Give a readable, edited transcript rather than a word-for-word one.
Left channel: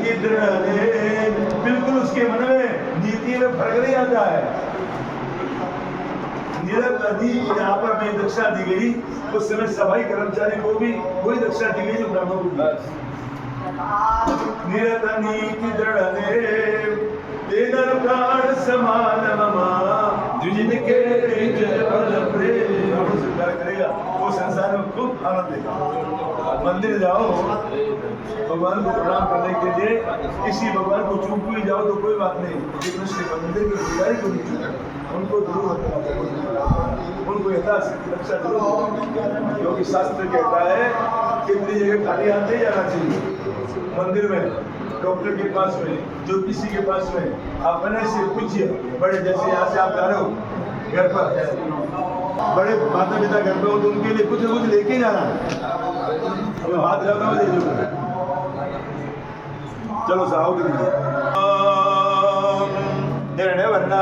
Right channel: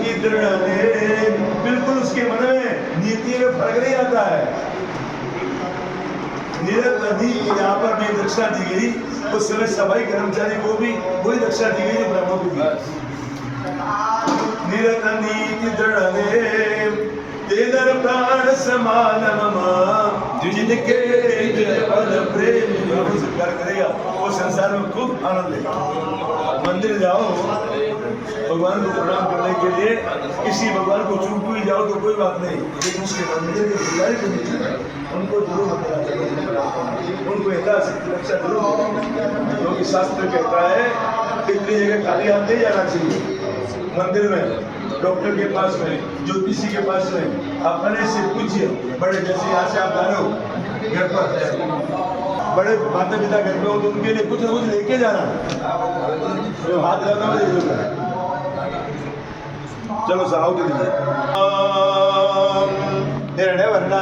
नीति दृढ़ है, बिल्कुल उसके मन में नीति में फर्क नहीं आता है। यहाँ पर भी दक्षिणा दी गई, उस समय सफाई कर्मचारी को भी वही दक्षिणा दी गई जो ब्रह्मों को दी। निरत नीति दृढ़ है, तेदर प्राण समान मम, जिनके जय बल प्रेम से प्यार करेगा वो संसार में खूब आनंद लेगा। मंदिर जाओ भगवान को प्रणाम करने के लिए, किसी भगवान को चूक भी जाओ तो कोई बात नहीं, लेकिन उसके मंदिर के पुजारी को नहीं, उनको जरूर बताना चाहिए, उनको यथाशक्ति रक्षा जरूर, क्योंकि शास्त्र कहता है इतनी जगह खाली हाथ नहीं जाना चाहिए। मंदिर में, डॉक्टर के पास में, ज्योतिषी के पास में अपने से पूछिए। बड़े जैसे यहाँ से आप जा रहे हो घर पर, बड़े माता पिता घर पे हो तो उनके लिए कुछ न कुछ लेके जाना, तो हाथ लगाना हो दे दो। चलो साहब निर्णय वरना